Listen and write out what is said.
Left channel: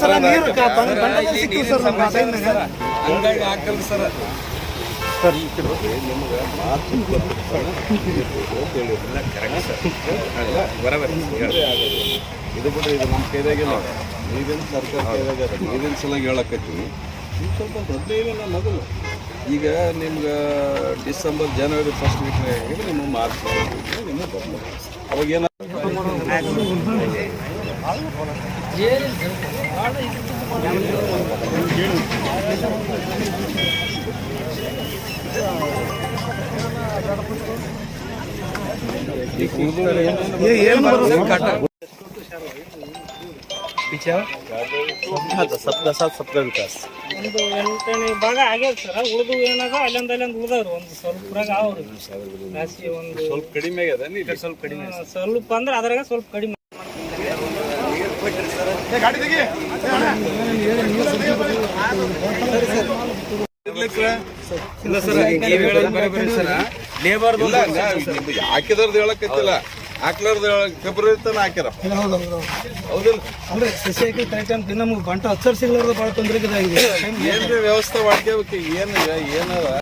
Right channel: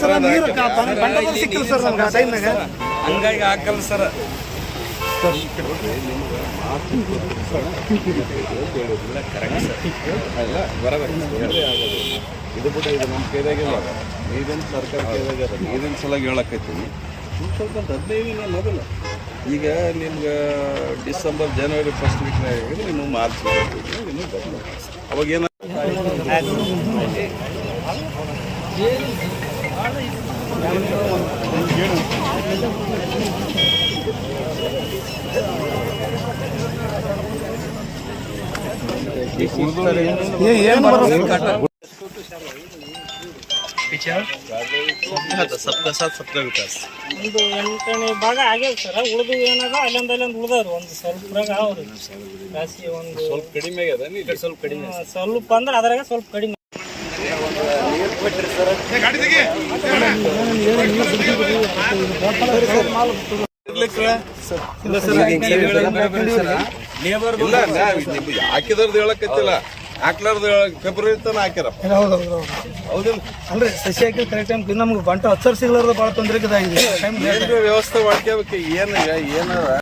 Sir ನೀರು sir ನಮ್ಗೆ ಆ ಹಾಕಲ್ಲ ಸರ್ ನಿಮ್ಗೆ ಮಾರ್ಚ್ ಇಪ್ಪತ್ತು ಇಲ್ಲ ಕರೆಕ್ಟ್ ಸರ್ ಅಲ್ಲ ಆಗೋದು ಇದು ಬಿಟ್ಟರೆ ಇದು ನಮ್ಮ ಕೈದಾಗಿಲ್ಲ ನೀರಿನ ಸರ್ಕಾರ ನೀರಿನ ಸಲುವಾಗಿ ಹೇಳಕತ್ತೀನಿ ಸ್ವಲ್ಪ ಮೊದಲು ಈಗ ನಿಮ್ಗೆ ಡಿಸೆಂಬರ್ ಜನವರಿ ಫಸ್ಟ್ ವೀಕ್ನಾಗ ನಿಮಗೆ ಮಾರ್ಚ್ ನಿಮಗೆ ಅವಾಗ ಏನ ಈಗ ಸಪ್ತ ಸಾತ್ ಸಪ್ತ ವಿಕಾಸ್ ಒಂದು ಎಂಟನೇ ಭಾಗ ಆಗ್ಯದ ಸರ್ ಉಳಿದು ಏನದ ಅಲ್ಲೊಂದು ಅಲ್ಲೊಂದು ಉಳಿದವ್ರು ಒಂದು ಸ್ವಲ್ಪ ಅವ್ರಿ ಜಾಸ್ತಿ ಒಂದು ಸ್ವಲ್ಪ ಕಡಿಮೆ ಆಗ್ಯದ ಸ್ವಲ್ಪ ಕಡಿಮೆ ಸ್ವಲ್ಪ ಅಂದ್ರೆ ಅದ್ರಾಗ ಸ್ವಲ್ಪ ಕಡಿಮೆ ಇಲ್ಲ ಸರ್ ನೀವು ಹೇಳೋದು ಬರೋಬರಿ ಸರ್ ಲೇಬರ್ ಹಾಕಿದವ್ರದ್ದು ಹೇಳಕತ್ತಿಲ್ಲ ಹಾಕ್ಲಾರ್ದು ಫೆಬ್ರವರಿ ತನ ಹಾಕ್ಯಾರ ಹೌದು ಹೌದು ಹೌದಿಲ್ಲ? ಅಂದ್ರೆ ಸಸಿ ಹಾಕಿ ಕರೆಕ್ಟ್ ಟೈಮ್ ನಮ್ಗೆ ಬಂಟ ಹತ್ತರ್ ಸಿಗ್ಲಾರ್ದು ಭಾಳ ತೊಂದರೆ ಇದೆ ಏನ್ರಿ ವ್ಯವಸ್ಥೆ ಮಾಡ್ಕೋಬೇಕು ಏನು ಏನಾರ?